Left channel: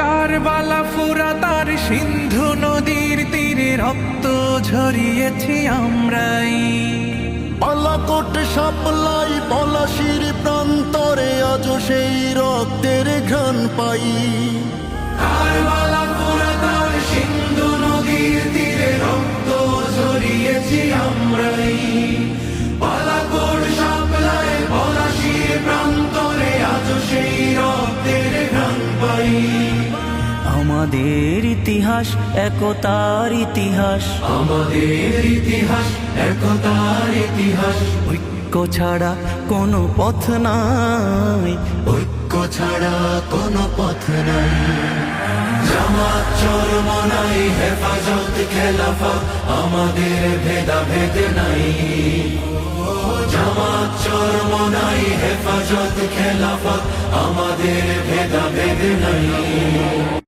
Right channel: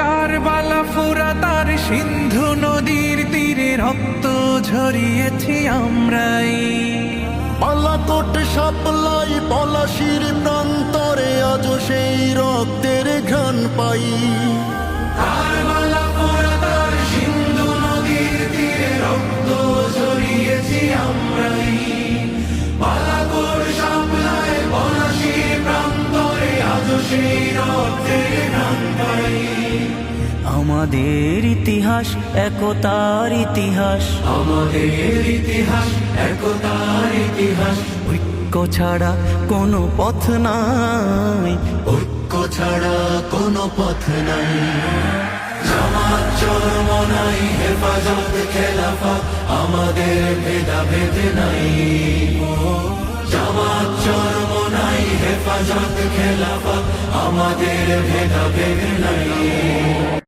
কারবালা ফুরাত আর সিন্ধু নদীর তীরে রক্ত ঝরিয়েছি আমরাই। বালাকোট সাপ্লাই পলাশির প্রান্তরে আজও সেই রক্তের ঘ্রাণ পাই। কারবালা ফুরাত আর সিন্ধু নদীর তীরে রক্ত ঝরিয়েছি আমরাই। বালাকোট সাপ্লাই পলাশির প্রান্তরে আজও সেই রক্তের ঘ্রাণ পাই। আমাদের ইতিহাস একতার ইতিহাস, আমাদের ইতিহাস একতার ইতিহাস। ঐক্য ছাড়া কোনো পথ নাই, ঐক্য ছাড়া কোনো পথ নাই। জামাত চরমনাই হেফাজত খেলাফত আমাদের ভেদাভেদ নাই। জামাত চরমনাই হেফাজত খেলাফত আমাদের ভেদাভেদ নাই।